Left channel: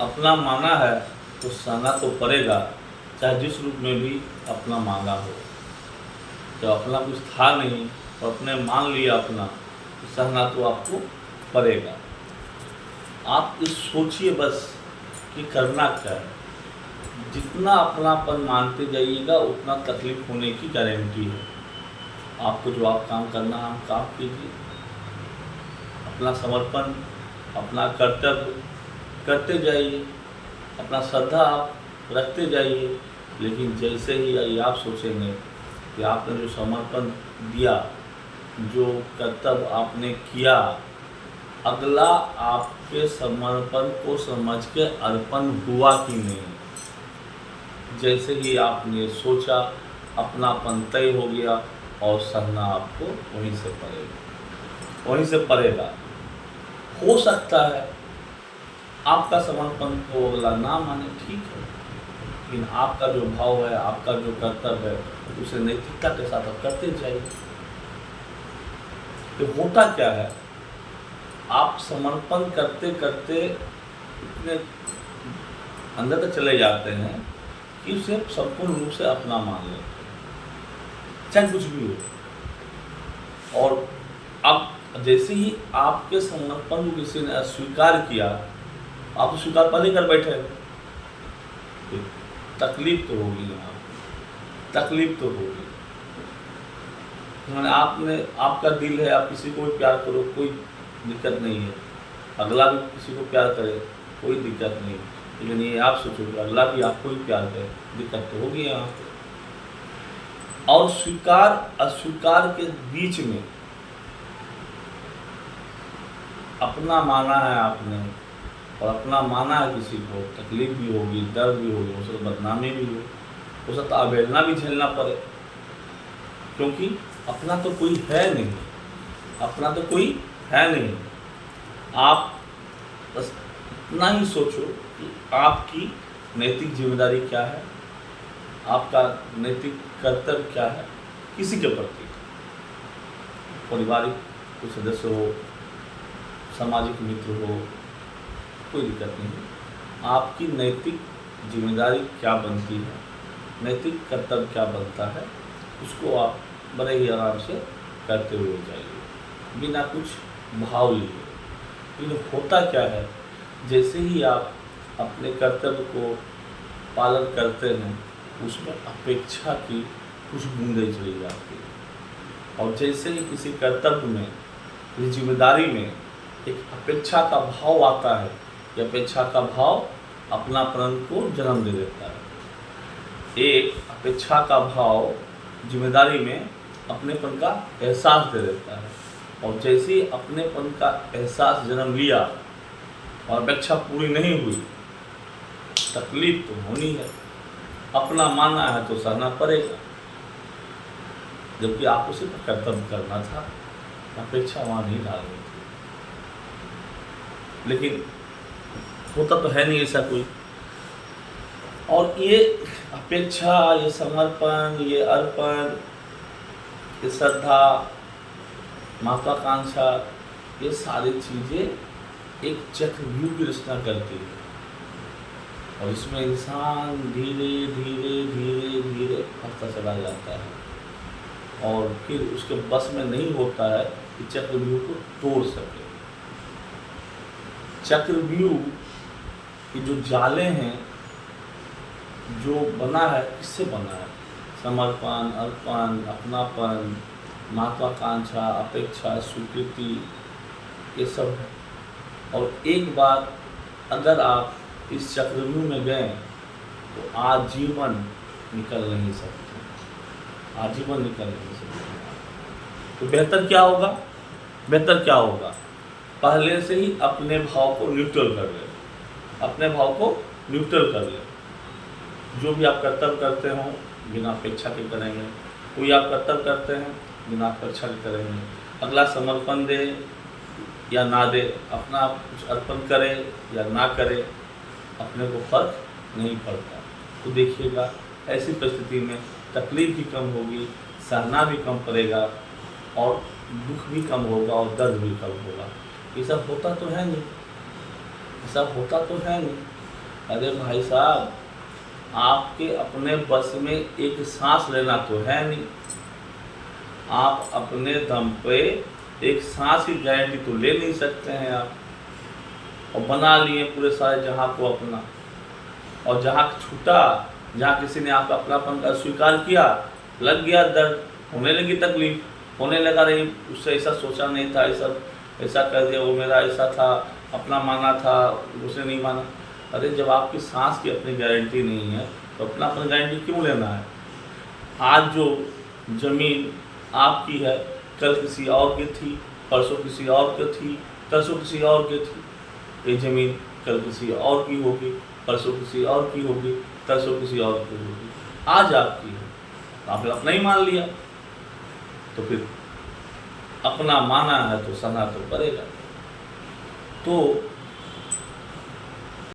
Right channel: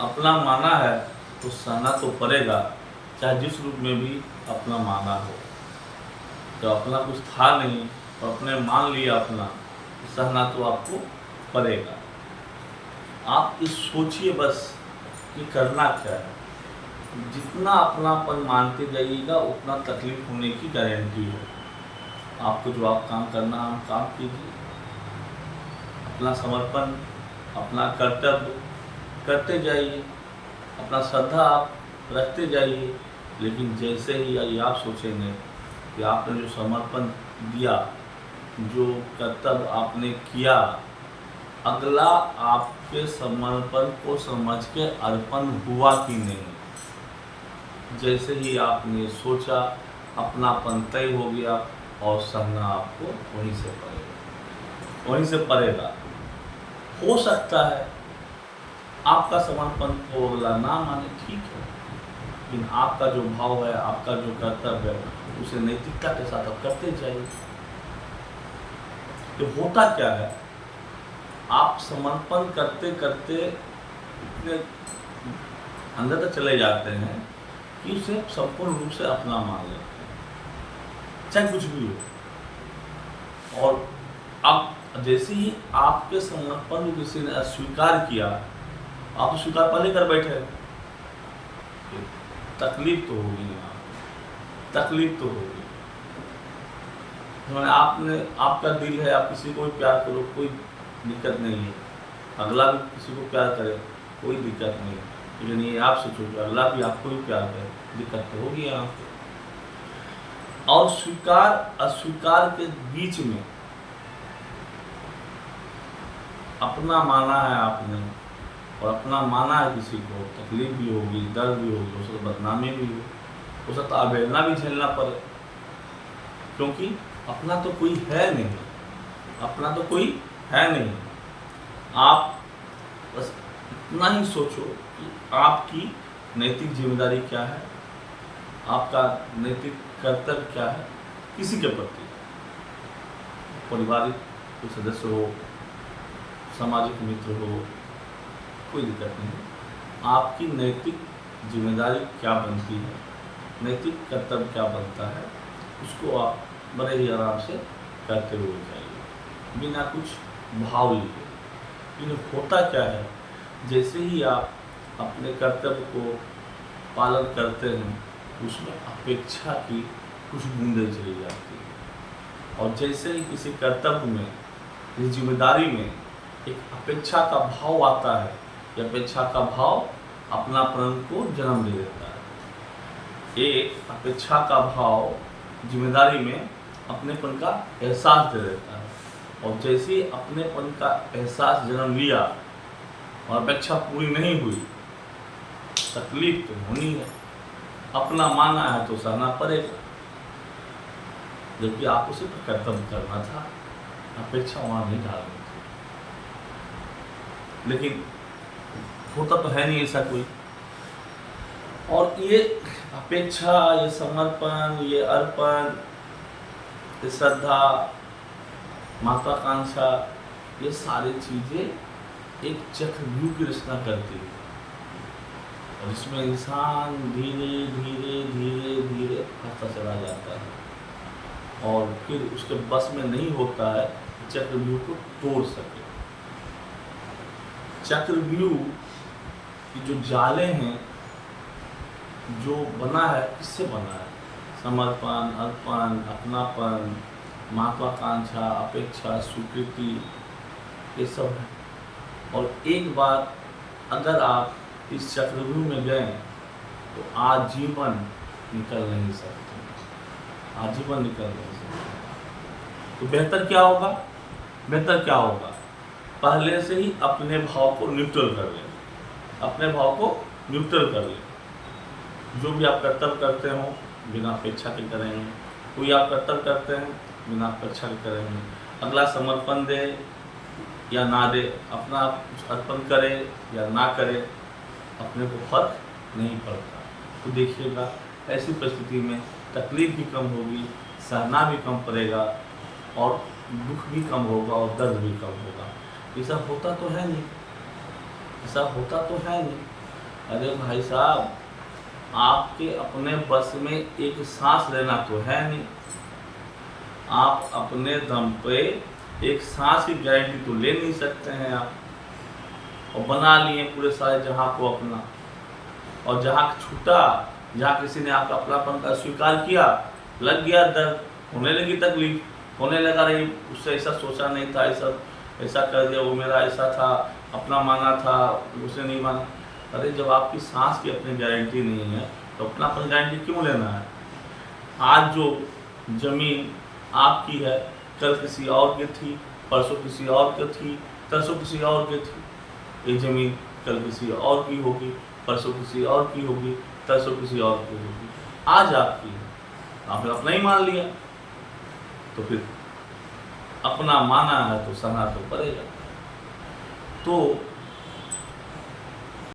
अपना माना है तो सहना तो पड़ेगा, चाहे जिस रूप में भी अपना माना हो। जब अपना कुछ था नहीं और अपने मान लिया अपना, तो सहना तो आपको पड़ेगा। आप इस सोचिए बस कि करना क्या है। जितना अपनापन मानते जाइएगा उतना तकलीफ होने की गारंटी है। आपको जो आप काम करना है, आप काम कीजिए, अपना समर्पण, अपना कर्तव्य करते जाइए, अपना श्रद्धा आप रखते जाइए। लेकिन जैसे ही आप सोचेंगे कि आपने जो समर्पण दिया, जो कर्तव्य आपने किया, अगला आपके समर्पण को समझ के अर्पण हुआ कि नहीं, जैसे ही आपने सोचा अपनापन तय हो गया और सहना आपको वहीं से पड़ेगा, वहीं से पड़ेगा। हो सकता है आपका समर्पण को अगला ना माने, ठीक है, लेकिन आपका जो भाव है, आपका जो कर्तव्य है, उसे नैतिकता के साथ आप करते जाइए। तो होता क्या है, आप समर्पण करते करते इतने अंदर तक चले जाते हैं कि उसे संपूर्ण रूप से अपना मान लेते हैं, चाहे कुछ भी हो। और अब जैसे ही आपके समर्पण को किसी ने अस्वीकार किया, आप तो स्वीकार पहले कर बैठे हो, तकलीफ तो होगी, यहाँ तकलीफ तो होगी। मैंने आपने आपका दिल है, आप किसी को भी प्यार करो, कोई दिक्कत नहीं है, अगला भी किसी को प्यार करे, कोई दिक्कत नहीं है। लेकिन ये आप सोचो कि अगला भी आपको ही प्यार करे, दिक्कत तो होगी यहाँ पे। और स्वीकार अस्वीकार के बीच में अपना माना है आपने, और अपना माना है किसी को, तकलीफ भी होगी, दर्द भी होगी, हो सकता बदनामी भी हो सकता अवहेलना भी झेलना पड़े, क्योंकि अपना तो कोई है नहीं, अपना तो कोई है नहीं। आप बस इतना ही सोचो कि आपकी नैतिक जिम्मेदारी क्या है, आपका नैतिक कर्तव्य क्या है किसी के प्रति। पारिवारिक कोई सदस्य हो, सामाजिक मित्र हो, कोई दिक्कत नहीं। आपकी नैतिक जिम्मेदारी क्या बनती है, नैतिक कर्तव्य क्या बनता है, उसको आप बड़े ही आराम से करते हुए जाइए, बिना कुछ भाव लिए। लेकिन होता क्या है, जैसे ही आप अपने कर्तव्य को पालन करते हैं, उसमें अपेक्षा की कुछ बूंदें चली जाती है। और जैसे ही किसी कर्तव्य में, इस जिम्मेदारी में एक अपेक्षा का भाव आता है, यह अपेक्षा का भाव अपनापन को जन्म दे देता है। एक अपेक्षा का भाव जिम्मेदारी में अपनेपन का एहसास दे देता है। और जैसे ही अपनेपन का एहसास जन्म लिया और अपेक्षा पूरी नहीं हुई, तकलीफ तो होनी है। अपना माना है तो सहना पड़ेगा, जबकि आपको सिर्फ कर्तव्य करना था, अपेक्षा वहाँ नहीं डालनी थी। लेकिन होता तो है नहीं ऐसा कोई। और ये अपेक्षा, ये समर्पण, ये अर्पण, ये श्रद्धा, महत्वाकांक्षा, ये सारी चीज़ें एक चक्रव्यूह की रचना करती है, और इसमें इंसान धीरे धीरे धीरे धीरे फंसता चला जाता है, और फिर उसके बस में नहीं होता है कि चक्रव्यूह को तोड़ सके। चक्रव्यूह की जो जाले हैं, जो बना है, किससे बना है? समर्पण, अर्पण, अपनापन, महत्वाकांक्षा, अपेक्षा, स्वीकृति, ये सब है। और एक बार अगर आप इस चक्रव्यूह में गए तो आजीवन निकल नहीं सकते, आजीवन निकल नहीं सकते। तो बेहतर क्या होगा, बेहतर क्या होगा, पहले से ही अपने भाव को न्यूट्रल कर ले, अपने भाव को न्यूट्रल कर ले। जो भी आप कर्तव्य करते हो बिना अपेक्षा के करेंगे, कोई आप कर्तव्य करते हैं बिना अपेक्षा के करेंगे, अगला समर्पण दे या ना दे, अपना कुछ अर्पण करे या ना करे, अपने को फर्क नहीं पड़ता। तो देखिएगा, ऐसी परिस्थिति में तकलीफ भी कम होगी, सहना भी कम पड़ेगा, और दुख भी कम होगा, और दर्द भी कम होगा। ऐसा होता तो है नहीं, ऐसा होता तो है नहीं। अरे भाई साहब, आपके अपने बस में एक सांस लेना तो है नहीं। आप अपने दम पे एक सांस की गारंटी तो ले नहीं सकते हैं आप, और बना लिए पूरे सारे जहां को अपना। और जहां छूटा, जहां किसी ने आपका अपनापन का स्वीकार किया, लग गया दर्द, होने लगी तकलीफ, होने लगा रही उससे ऐसा सोचा नहीं था, ऐसा ऐसा कर दिया, वो मेरा ऐसा था, अपना माना था, उसने नहीं माना। अरे जब आपकी सांस की अपनी गारंटी नहीं है तो अपनापन गारंटी क्यों लेना है? आज जो ज़मीन आपकी है, कल किसी और की थी, परसों किसी और की थी, तरसों किसी और की थी। ये ज़मीन कल किसी और की होगी, परसों किसी और की होगी, तरसों किसी और की होगी। आज आपकी है, आपने अपना ही मान लिया, तो फिर अपना माना है तो सहना तो पड़ेगा। तो